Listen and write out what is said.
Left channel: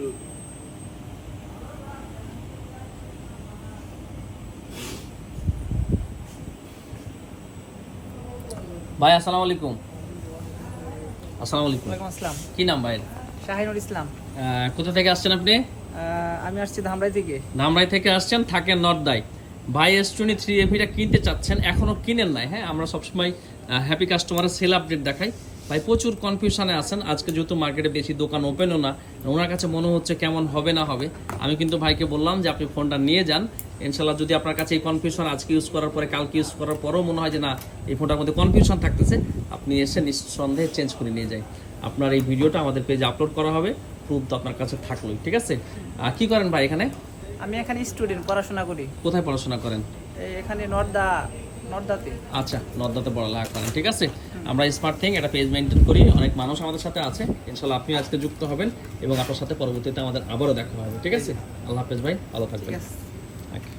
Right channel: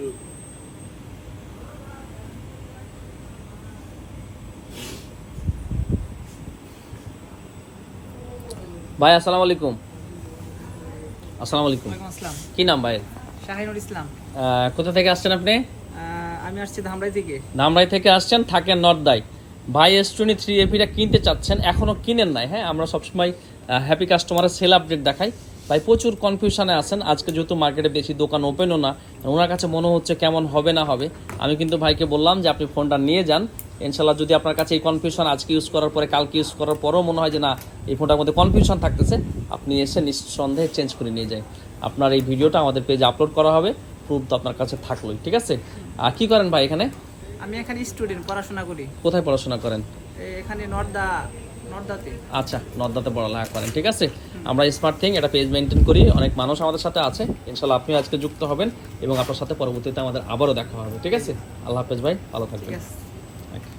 ভাই আসসালামু আলাইকুম। আসসালামু আলাইকুম। ওয়ালাইকুম আসসালাম। কি নাম ভাই? শাহিনুর ইসলাম। কোথা থেকে আসছেন আপনি? আমি আসছি ধামরাই থেকে। ধামরাই থেকে আসছেন, থাকেন নর্দাই। ভাই S23 এভিটা কিনতে চাচ্ছেন, এখনো কিনেন নাই। হ্যাঁ, আমরা সবসময় হ্যাপি কাস্টমারের সেল আপডেট দেখাই। ভাই প্রচুর কনফিউশনে আছেন আজকে, যেহেতু মার্কেটে বেশি দোকান ওপেনও না, ওনার কাছে মনে হচ্ছে কেমন হবে না হবে। আমি কিন্তু ভাইকে বললাম যে আপনি ফোনটা নিয়ে যান, ইনশাল্লাহ যদি আপনার কাছে এই কনফিউশন আজকে ইউজ করার পরে কালকে ইউজ করার পরেও মনে হয় যে না এই ফোনটার মধ্যে কনফিউশন থাকতেছে, আপনি এসে নিঃসন্দেহে চেঞ্জ করে নিয়ে যান। আপনার এই ভিডিওটা আমাদের পেজে আপলোড করা হবে, প্রুফ তো আপনার কাছে থাকলোই। ঠিক আছে, আর কি করেন ভাই এখানে? আমি এখানে স্টুডেন্ট, পড়াশোনা করি। কোথায় পড়াশোনা করেন? এখানে নর্দাতে। আচ্ছা, নর্দাতে পড়ালেখা করেন। ঠিক আছে, আমরা স্মার্ট থিং এটা পেজ মেনটেন করি, অনেক মানুষ আমাদের সাথে আছে। ইনশাল্লাহ আপনি আজকে যুক্ত হবেন এবং আপনার সাথে পরবর্তীতে আমাদের আবারও দেখা হবে। ঠিক আছে, আল্লাহ হাফেজ ভাই, ভালো থাকবেন। ঠিক আছে। Okay.